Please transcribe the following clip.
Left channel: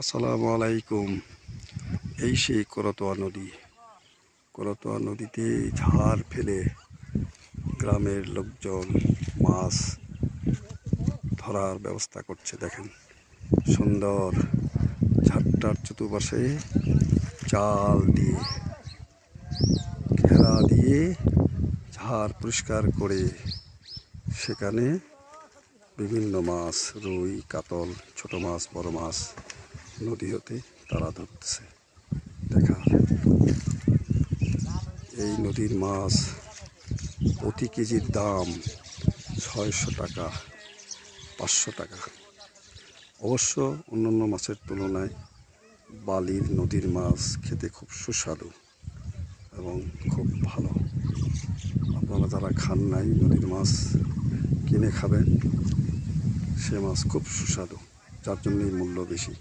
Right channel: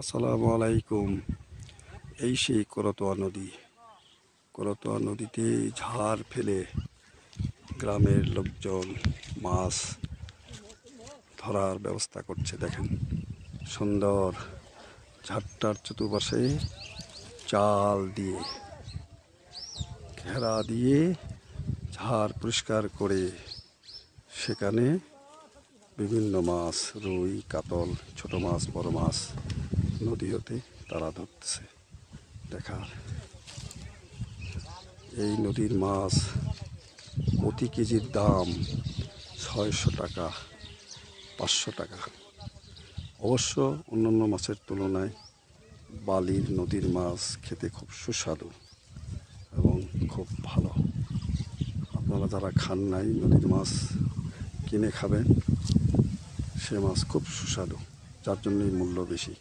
আসসালামু আলাইকুম। এই সেই করতোয়া নদী। করতোয়া নদীতে ঝাড় ফেলে গ্রামের লোকজন মাছ ধরার ব্যবস্থা করছে। দেখেন, সুন্দর ঝাড়টার চতুর্পাশে জাল দিয়ে ঘেরা দিয়ে ঝাড় পরিষ্কার করে সেখানে বিভিন্ন মাছ, রুই, কাতল, ছোট মাছ, বড় মাছ নদী হতে তারা ধরতেছে। দেখার এই নদীর মাছ প্রতি কেজির দাম 600 টাকা, 500 টাকা। অবশ্য অন্যান্য মাছের তুলনায় বালির নদীর মাছ খেতে খুব সুস্বাদু এবং খুব ভালো। আপনারা যারা খান নাই নদীর মাছ কিনে খাবেন, সে মাছ খুব সুস্বাদু, যার জন্যই মূল্য বেশি।